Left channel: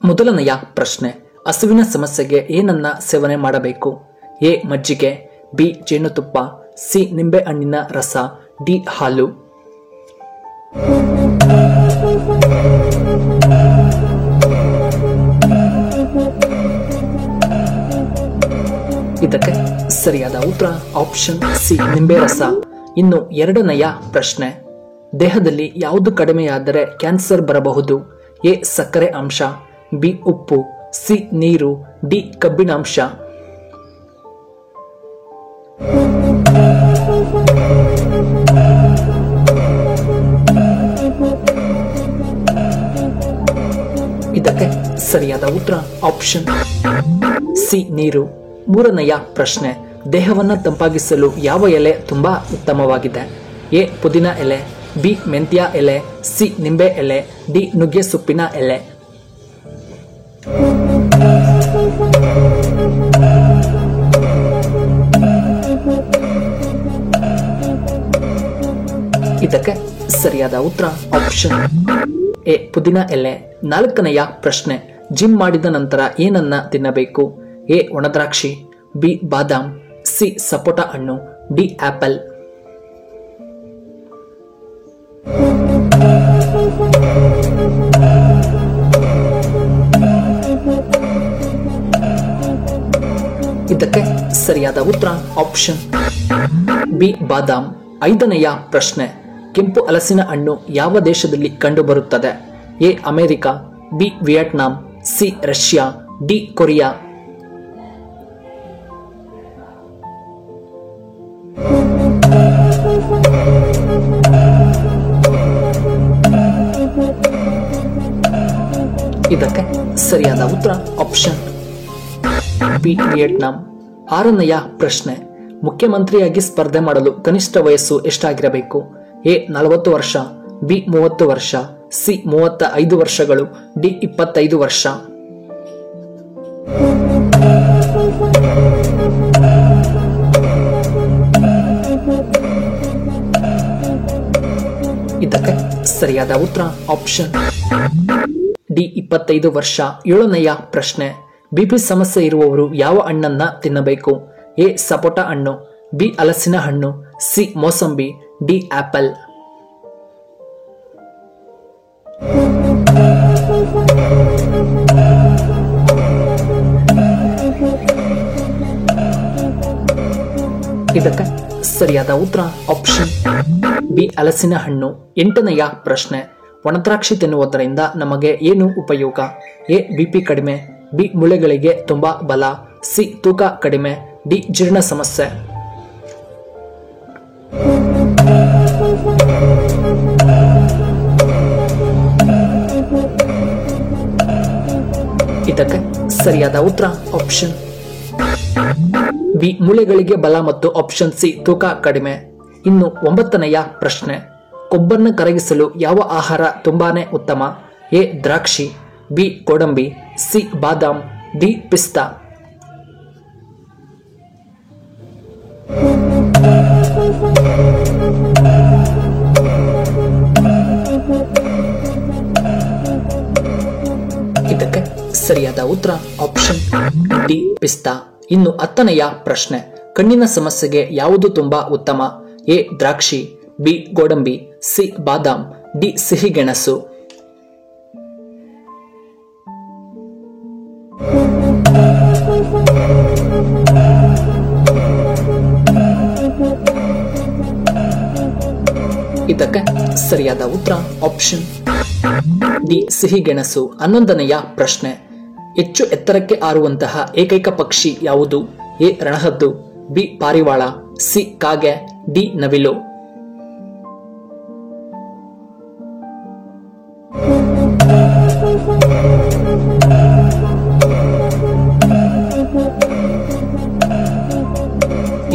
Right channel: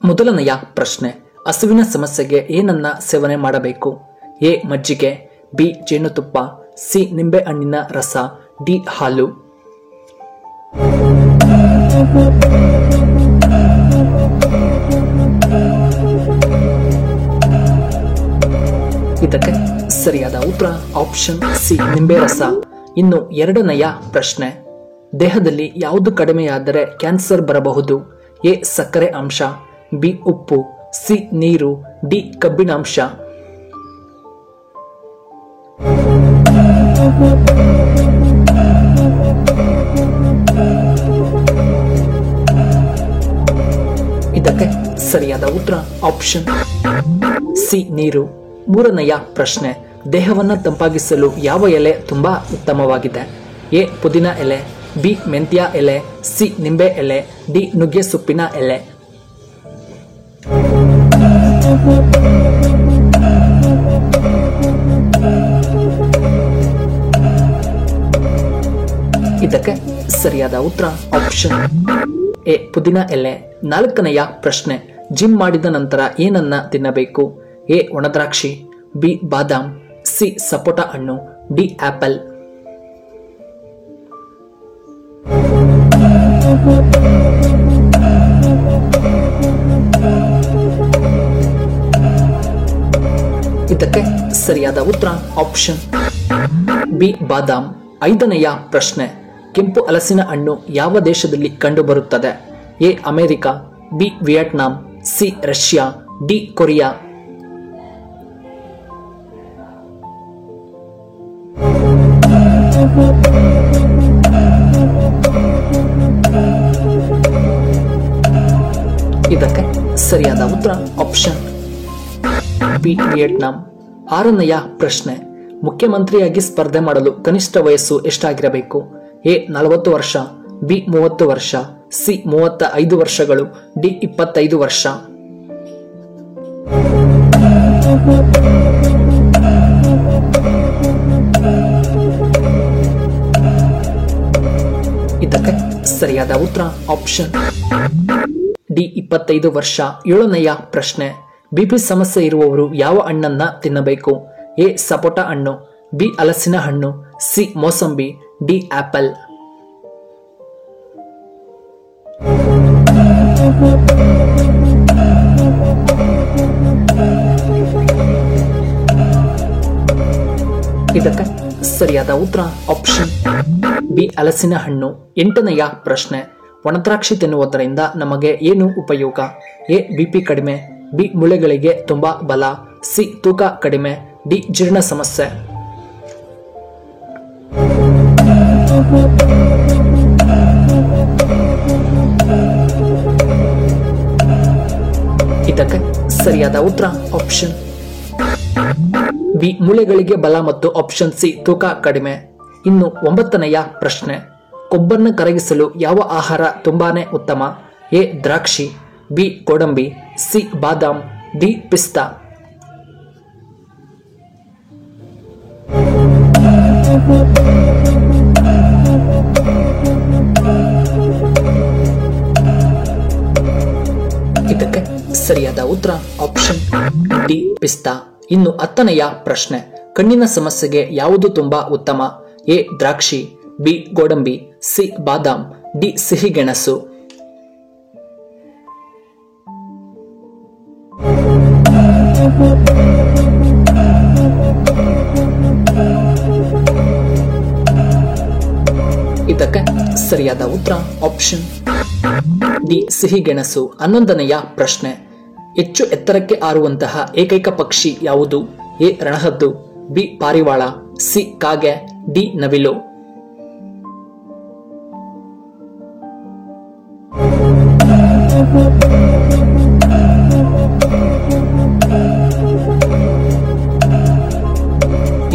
ಮೊದಲನೆಯ ಪ್ರಶ್ನೆ, ಹಸುವಿನ ಸಮಸ್ಯೆಗೆ ಏನನ್ನ ಸೇವನೆ ಮಾಡಬೇಕು? ಎ ಮಜ್ಜಿಗೆ, ಬಿ ಜೇನುತುಪ್ಪ, ಸಿ ನಿಂಬೆ ಹಣ್ಣಿನ ರಸ, ಡಿ ಹಾಲು. ಇದಕ್ಕೆ ಸರಿಯಾದ ಉತ್ತರ ಆಪ್ಷನ್ ಸಿ ನಿಂಬೆ ರಸ. ಇನ್ನು ಎರಡನೆಯ ಪ್ರಶ್ನೆ, ದೇಹದಲ್ಲಿ ಯಾವುದು ಕಡಿಮೆಯಾದರೆ ಕ್ಯಾನ್ಸರ್ ಬರಬಹುದು? ಎ ಸಕ್ಕರೆ ಅಂಶ, ಬಿ ಉಪ್ಪು, ಸಿ ನೀರು, ಡಿ ಕಬ್ಬಿಣಾಂಶ. ಇದಕ್ಕೆ ಸರಿಯಾದ ಉತ್ತರ ಆಪ್ಷನ್ ಸಿ ನೀರು. ಮೂರನೆಯ ಪ್ರಶ್ನೆ, ದೇಹವನ್ನು ತಂಪಾಗಿಸಲು ಯಾವ ಎಲೆ ತುಂಬಾ ಉತ್ತಮವಾಗಿದೆ? ಎ ಪುದೀನ ಎಲೆ, ಬಿ ಮೆಂತ್ಯ ಎಲೆ, ಸಿ ನಿಂಬೆ ಎಲೆ, ಡಿ ನುಗ್ಗೆ ಸೊಪ್ಪಿನ ಎಲೆ. ಇದಕ್ಕೆ ಸರಿಯಾದ ಉತ್ತರ ಆಪ್ಷನ್ ಎ ಪುದೀನ ಎಲೆ. ನಾಲ್ಕನೆಯ ಪ್ರಶ್ನೆ, ಜಿಮ್ ಮಾಡಿದ ನಂತರ ಏನನ್ನ ತಿನ್ನಬೇಕು? ಎ ಒಣದ್ರಾಕ್ಷಿ, ಬಿ ಬಾದಾಮ್, ಸಿ ಸಪೋಟ ಹಣ್ಣು, ಡಿ ಆಪಲ್. ಇದಕ್ಕೆ ಸರಿಯಾದ ಉತ್ತರ ಆಪ್ಷನ್ ಬಿ ಬಾದಾಮ್. ಐದನೆಯ ಪ್ರಶ್ನೆ, ಕೆಂಪು ಹಲಸಿನ ಹಣ್ಣು ಯಾವ ದೇಶದಲ್ಲಿ ಕಂಡುಬರುತ್ತದೆ? A America, B Vietnam, C Russia, D Korea. ಇದಕ್ಕೆ ಸರಿಯಾದ ಉತ್ತರ ಆಪ್ಷನ್ ಬಿ ವಿಯೆಟ್ನಾಂ. ಆರನೆಯ ಪ್ರಶ್ನೆ, ಮುಖ್ಯಮಂತ್ರಿಯಾಗಿ ಸ್ಪರ್ಧೆ ಮಾಡಲು ಕನಿಷ್ಠ ವಯಸ್ಸು ಎಷ್ಟಾಗಿರಬೇಕು? ಎ 40 ವರ್ಷ, ಬಿ 30 ವರ್ಷ, ಸಿ 35 ವರ್ಷಗಳು, ಡಿ 25 ವರ್ಷ. ಇದಕ್ಕೆ ಸರಿಯಾದ ಉತ್ತರ ಆಪ್ಷನ್ ಡಿ 25 ವರ್ಷ. ಏಳನೆಯ ಪ್ರಶ್ನೆ, ಬಿಪಿ ಸಮಸ್ಯೆ ಇರುವವರು ಯಾವ ಹಣ್ಣನ್ನ ತಿನ್ನಬೇಕು? ಎ ಸಪೋಟ ಹಣ್ಣು, ಬಿ ಹಲಸಿನ ಹಣ್ಣು, ಸಿ ಮೋಸಂಬಿ, ಡಿ ಆಪಲ್. ಇದಕ್ಕೆ ಸರಿಯಾದ ಉತ್ತರ ಆಪ್ಷನ್ ಬಿ ಹಲಸಿನ ಹಣ್ಣು. ಎಂಟನೆಯ ಪ್ರಶ್ನೆ, ಒಣದ್ರಾಕ್ಷಿ ತಿನ್ನುವುದರಿಂದ ನಮಗೆ ಏನು ಉಪಯೋಗ? ಎ ಬಿಪಿ ಕಡಿಮೆ, ಬಿ ಮೂಳೆಗಳಿಗೆ ತುಂಬಾ ಬಲ, ಸಿ ತೂಕ ಕಡಿಮೆ, ಡಿ ಜೀರ್ಣ ಸಮಸ್ಯೆ. ಇದಕ್ಕೆ ಸರಿಯಾದ ಉತ್ತರ ಆಪ್ಷನ್ ಬಿ ಮೂಳೆಗಳಿಗೆ ಬಲ ಮತ್ತು ಆಪ್ಷನ್ ಸಿ ತೂಕ ಕಡಿಮೆ. ಇನ್ನು ಒಂಬತ್ತನೆಯ ಪ್ರಶ್ನೆ, ಕೊಬ್ಬನ್ನು ಕರಗಿಸಲು ಯಾವ ಆಹಾರ ತುಂಬಾನೇ ಉತ್ತಮ? ಎ ದ್ರಾಕ್ಷಿ, ಬಿ ಗೋಡಂಬಿ, ಸಿ ಬಾದಾಮ್, ಡಿ ಪಿಸ್ತಾ. ಇದಕ್ಕೆ ಸರಿಯಾದ ಉತ್ತರ ಆಪ್ಷನ್ ಡಿ ಪಿಸ್ತಾ. ಇನ್ನು ಹತ್ತನೆಯ ಪ್ರಶ್ನೆ, ಕಣ್ಣಿನ ಸಮಸ್ಯೆಗೆ ಯಾವುದು ತುಂಬಾ ಉತ್ತಮ? ಎ ದ್ರಾಕ್ಷಿ, ಬಿ ಗೋಡಂಬಿ, ಸಿ ಬಾದಾಮ್, ಡಿ ಸಿಹಿಗೆಣಸು. ಇದಕ್ಕೆ ಸರಿಯಾದ ಉತ್ತರ ಆಪ್ಷನ್ ಡಿ ಸಿಹಿಗೆಣಸು. 11ನೆಯ ಪ್ರಶ್ನೆ, ಹೆಚ್ಚು ಎತ್ತರಕ್ಕೆ ಹಾರುವಂತಹ ಏಕೈಕ ಪಕ್ಷಿ ಯಾವುದು? ಎ ರಣಹದ್ದು, ಬಿ ಪಾರಿವಾಳ, ಸಿ ಕಾಗೆ, ಡಿ ನವಿಲು.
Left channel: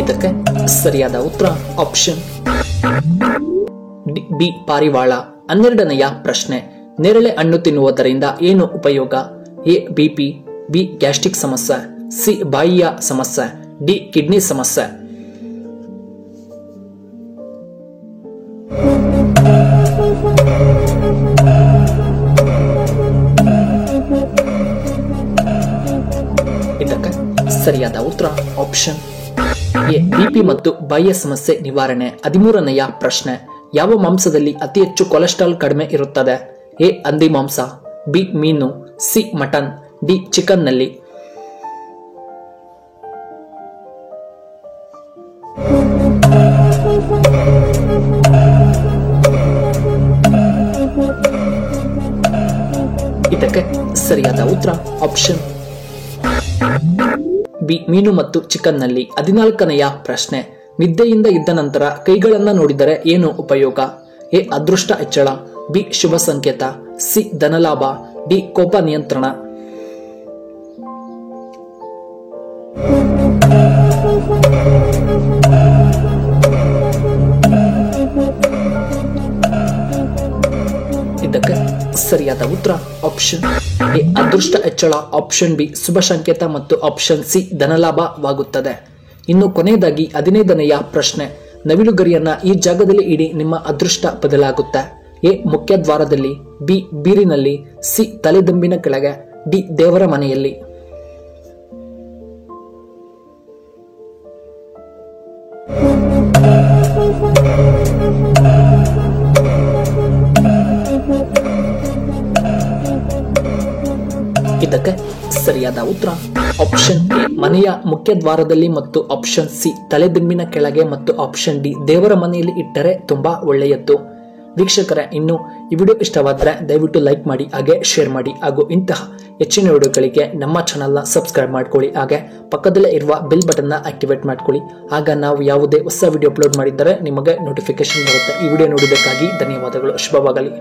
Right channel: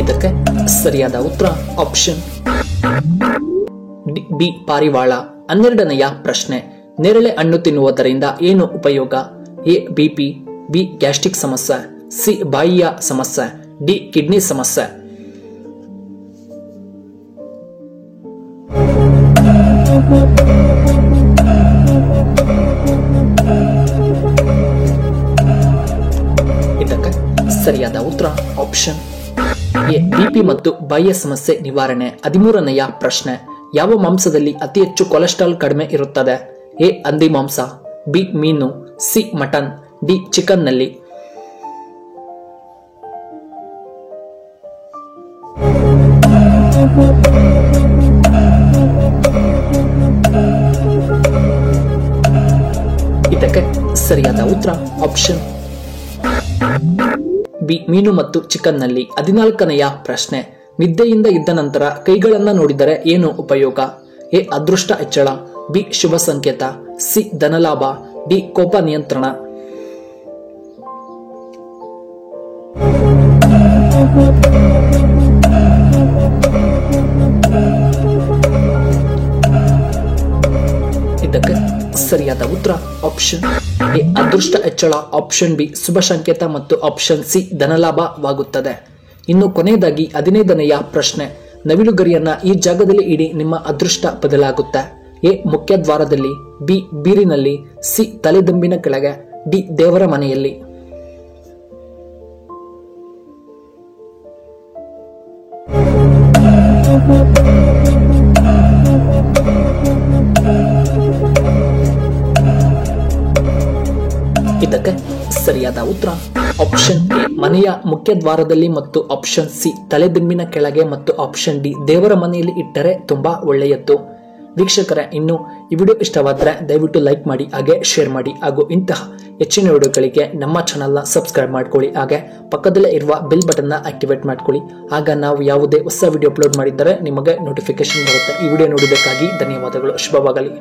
ಇದಕ್ಕೆ ಸರಿಯಾದ ಉತ್ತರ ಆಪ್ಷನ್ ಬಿ ಪಾರಿವಾಳ. 12ನೆಯ ಪ್ರಶ್ನೆ, ನೇರಳೆ ಹಣ್ಣು ತಿನ್ನುವುದರಿಂದ ಏನು ಉಪಯೋಗ? ಎ ಬಿಪಿ, ಬಿ ಗ್ಯಾಸ್ಟ್ರಿಕ್ ಸಮಸ್ಯೆ, ಸಿ ಬಾಯಿಯ ಸಮಸ್ಯೆ, ಡಿ ಕಿಡ್ನಿ ಸಮಸ್ಯೆ. ಇದಕ್ಕೆ ಸರಿಯಾದ ಉತ್ತರ ಆಪ್ಷನ್ ಎ ಬಿಪಿ ಮತ್ತು ಬಾಯಿಯ ಸಮಸ್ಯೆ ನಿವಾರಣೆ. 13ನೆಯ ಪ್ರಶ್ನೆ, ಯಾವ ಮಾಂಸದಲ್ಲಿ ಅತಿ ಹೆಚ್ಚು ಕೊಲೆಸ್ಟ್ರಾಲ್ ಕಡಿಮೆ ಇರುತ್ತದೆ? ಎ ಹಂದಿ ಮಾಂಸ, ಬಿ ಮೀನು, ಸಿ ಮಟನ್, ಡಿ ಚಿಕನ್ ನಲ್ಲಿ. ಇದಕ್ಕೆ ಸರಿಯಾದ ಉತ್ತರ ಆಪ್ಷನ್ ಬಿ ಮೀನು ಮತ್ತು ಚಿಕನ್ ನಲ್ಲಿ. 14ನೆಯ ಪ್ರಶ್ನೆ, ನಿದ್ದೆಯಿಂದ ಇದ್ದ ನಂತರ ಕೈಗಳನ್ನ ನೋಡಿದರೆ ಏನು ಉಪಯೋಗ? ಎ ಅದೃಷ್ಟ ಹೆಚ್ಚಳ, ಬಿ ಶುಭ ಸಂಕೇತ, ಸಿ ಧನಲಾಭ, ಡಿ ಕೋಪ ನಿಯಂತ್ರಣ. ಇದಕ್ಕೆ ಸರಿಯಾದ ಉತ್ತರ ಆಪ್ಷನ್ ಎ ಅದೃಷ್ಟ ಹೆಚ್ಚಳ, ಆಪ್ಷನ್ ಬಿ ಶುಭ ಸಂಕೇತ ಮತ್ತು ಆಪ್ಷನ್ ಸಿ ಧನಲಾಭವಾಗುತ್ತದೆ. ಇನ್ನು ಕೊನೆಯದಾಗಿ 15ನೆಯ ಪ್ರಶ್ನೆ, ನವಿಲುಗರಿಯನ್ನ ಈ ಜಾಗದಲ್ಲಿ ಇಡಿ, ನಿಮ್ಮ ಅದೃಷ್ಟ ಬದಲಾಗುತ್ತೆ. ಎ ಮುಖ್ಯ ದ್ವಾರದಲ್ಲಿ, ಬಿ ಬೀರಿನಲ್ಲಿ, ಸಿ ತಲೆದಂಬಿನ ಕೆಳಗೆ, ಡಿ ದೇವರ ಮನೆಯಲ್ಲಿ. ಇದಕ್ಕೆ ಸರಿಯಾದ ಉತ್ತರ ಆಪ್ಷನ್ ಎ ಮನೆಯ ಮುಖ್ಯ ದ್ವಾರದಲ್ಲಿ ಮತ್ತು ಆಪ್ಷನ್ ಸಿ ತಲೆದಿಂಬಿನ ಕೆಳಗೆ ಮತ್ತು ಆಪ್ಷನ್ ಡಿ ದೇವರ ಮನೆಯಲ್ಲಿ ಇಟ್ಟರೆ ತುಂಬಾ ಒಳ್ಳೆಯದ್ದು. ವೀಕ್ಷಕರೇ, ಇನ್ನು ಈ ವಿಡಿಯೋ ಇಷ್ಟವಾದರೆ ದಯವಿಟ್ಟು ಲೈಕ್ ಮಾಡಿ, ಹಾಗೆ ಶೇರ್ ಮಾಡಿ, ಹಾಗೂ ಇಂತಹ ಹೆಚ್ಚಿನ ವಿಡಿಯೋಗಳಿಗೆ ನಮ್ಮ ಚಾನಲ್ನ ಸಬ್ಸ್ಕ್ರೈಬ್ ಮಾಡ್ಕೊಳ್ಳಿ, ಹಾಗೆ ಪಕ್ಕದಲ್ಲೇ ಇರುವ ಬೆಲ್ ಬಟನ್ನ ಆಕ್ಟಿವೇಟ್ ಮಾಡ್ಕೊಳ್ಳಿ. ಆಗ ನಾವು ಯಾವುದೇ ಹೊಸ ವಿಡಿಯೋ ಅಪ್ಲೋಡ್ ಮಾಡಿದ್ದರೆ ನಿಮಗೆ ನೋಟಿಫಿಕೇಶನ್ ಬರುತ್ತೆ. ಈ ವಿಡಿಯೋ ನೋಡಿದ್ದಕ್ಕಾಗಿ ಧನ್ಯವಾದಗಳು. ಶುಭವಾಗಲಿ.